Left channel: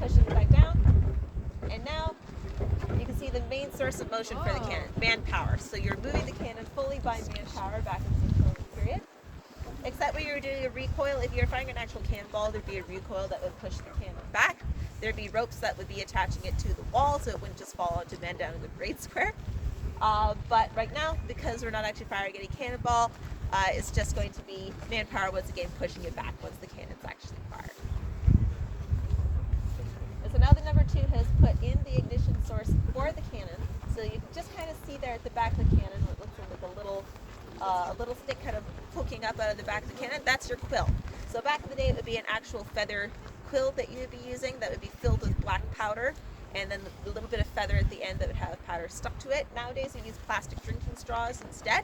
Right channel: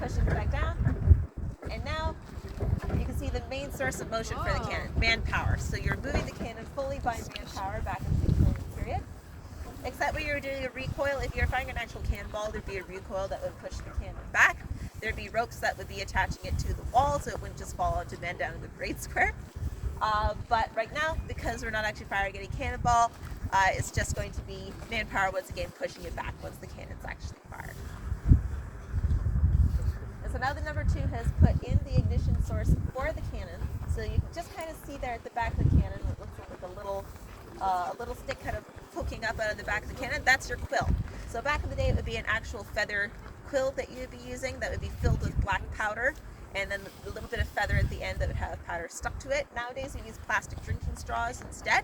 pushing it back down. And now you can see the main source of motion for the cannon, manpower. So you're moving the cannon fully by manpower back into the deployment period. Except when you're doing a recoil, if you're firing an actual cannonball, there'd be a recoil that would push the cannon back. There'd be ropes that would be attaching it to the wall so it wouldn't just fall onto men down in the grade square. But right now, because we're not actually firing any cannonball, it's just going to be manpower once again pushing it back once the cannon's actually fired. And so now the number 2 has put in the ignition source for the cannon. So you can just kind of see there at the back of the cannon what looks like a little stick kind of poking up out of the back of the cannon. That's your quill. So back in the day, it would be an actual feather quill that you would be using that would be filled with black powder, and then a little bit of feather at the end that would have powder stuck to it. Nowadays we use plastic drinking straws instead,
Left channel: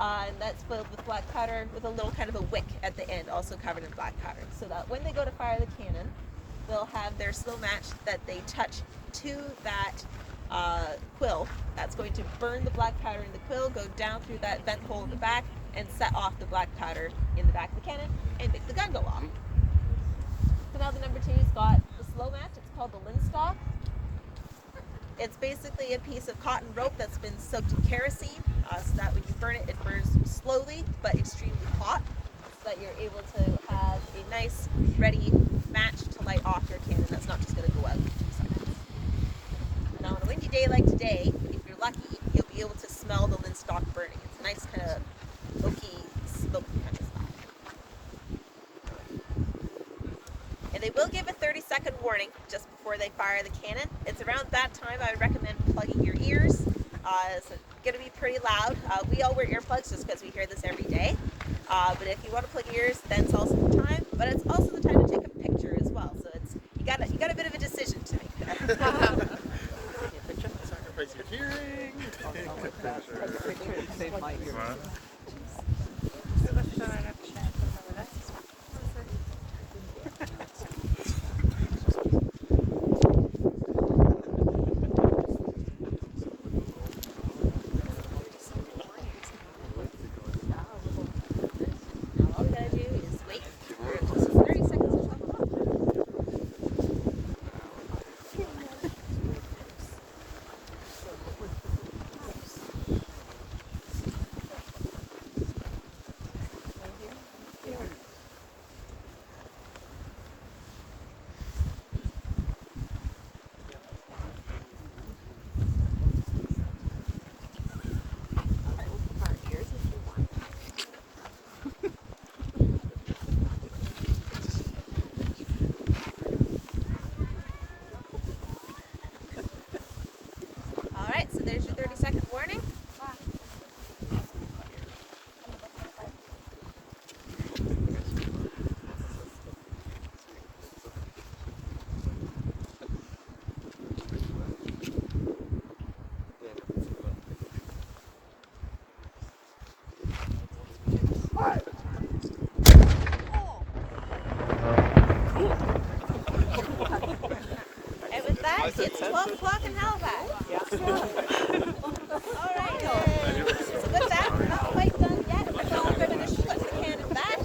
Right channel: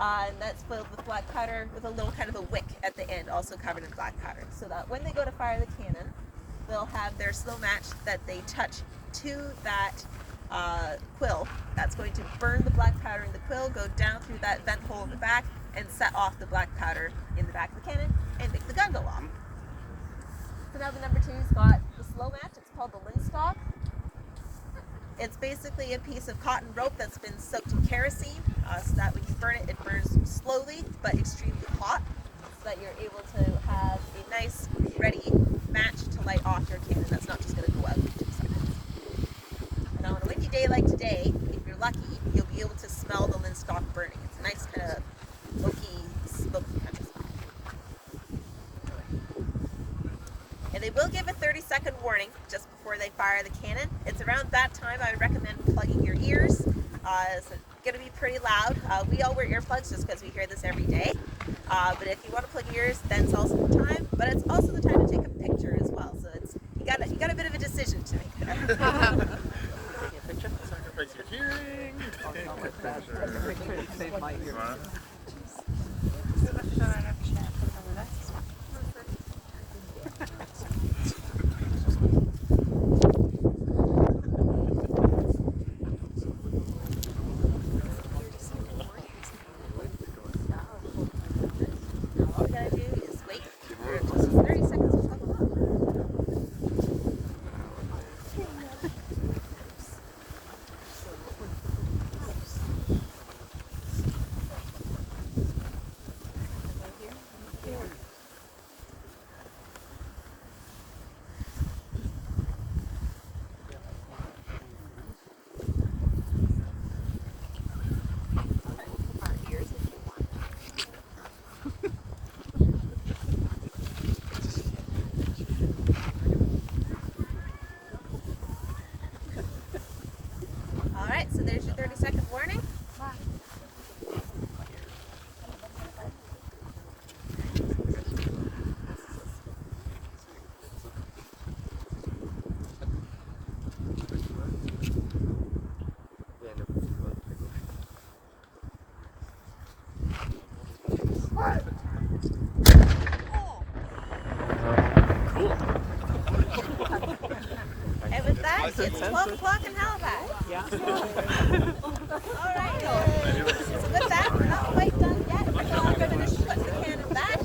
and that's filled with black powder with a little kind of a wick at the end, also covered in black powder, so that when they go to fire the cannon, they'll have their slow match that they touch to that quill. That's going to burn the black powder in the quill, go down through that vent hole in the back, and set off the black powder in the back of the cannon and make the gun go off. So now the number 2's got the slow match. It's called the linstock. It's basically a piece of cotton rope that's been soaked in kerosene, so that when you burn it, it burns slowly but extremely hot, so that you're able to have a nice, ready match to light off your cannon that's not just going to go out in 2 seconds. Now on a windy day like today, if you're lucky, you'll be able to smell the linstock burning. It's a nice kind of smoky kind of smell. And they will give a 30-second warning just before they fire the cannon. It's around that time I would recommend plugging your ears. It's going to be pretty loud. We all wear earplugs just because we hear this every day. But if you want to plug your ears, then it's also the time. But it's also the time to take a picture as well. So it's you got a bit of a decision to make there. Taking a picture. Sacrificing hearing. Take a picture and save my ear. All you gotta do is wait for just 30 seconds to talk about it. All right, so there's your 30-second warning. And with that, it's 12 o'clock in Halifax. Yeah. All right. So with that, we're not quite done yet. So I'm going to flip the cannon back.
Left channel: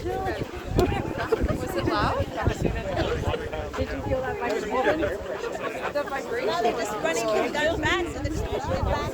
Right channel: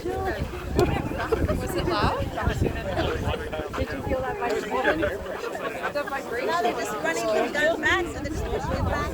Was it loud? Did you feel that vibration? The vibration? Now they're just running the gun back, so they're just pushing it back.